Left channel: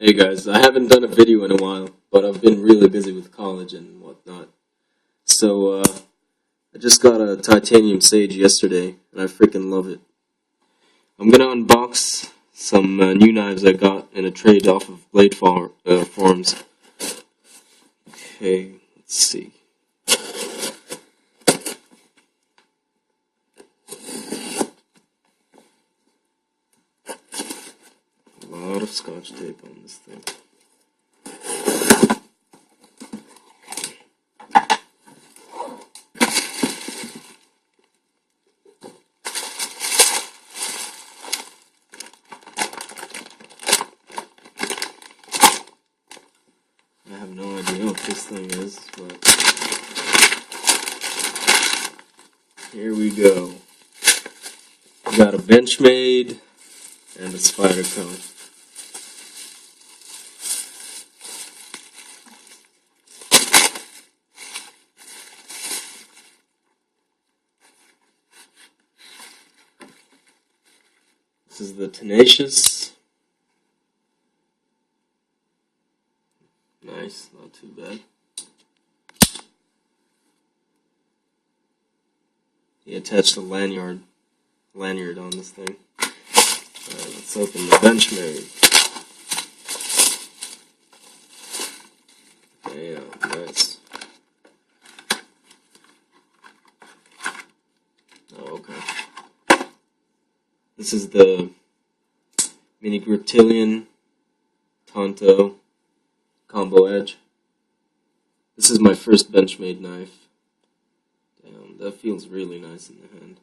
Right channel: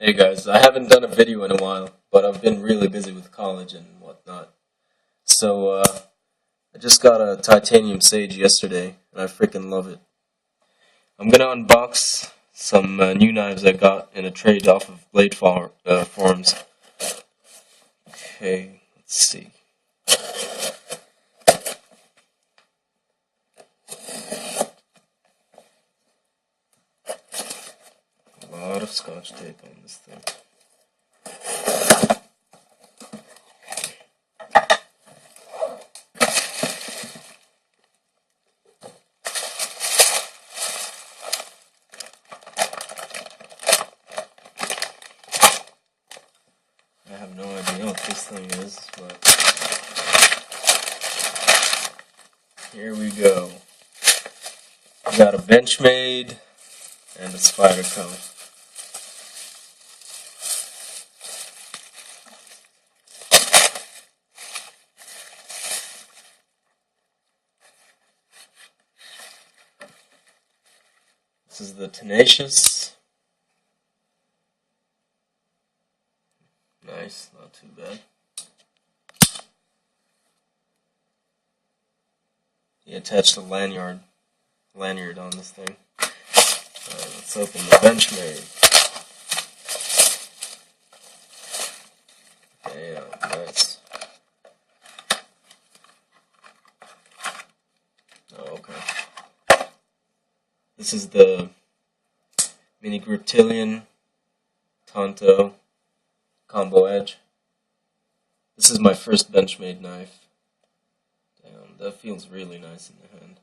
Hey guys, I haven't done a video in a while, but I've been really busy with college and whatnot. So, I just got a titanium sage yesterday, and I freaking love it. I'm gonna unbox some new knives I got in a trade off of Forums. Okay, let's see. A lot of scotch tape on this thing. I have no idea what this thing is, but here we go. We got a Benchmade and a spider cone. This is the Tenacious. Nice, not too bad. He attached a lanyard on this thing. Alright, let's open the Benchmade. Damn, nice. Oh, okay. This is the Mini Griptilian Tonto Combo Edge. This is my first Benchmade knife. Damn, that feels really nice in the hand.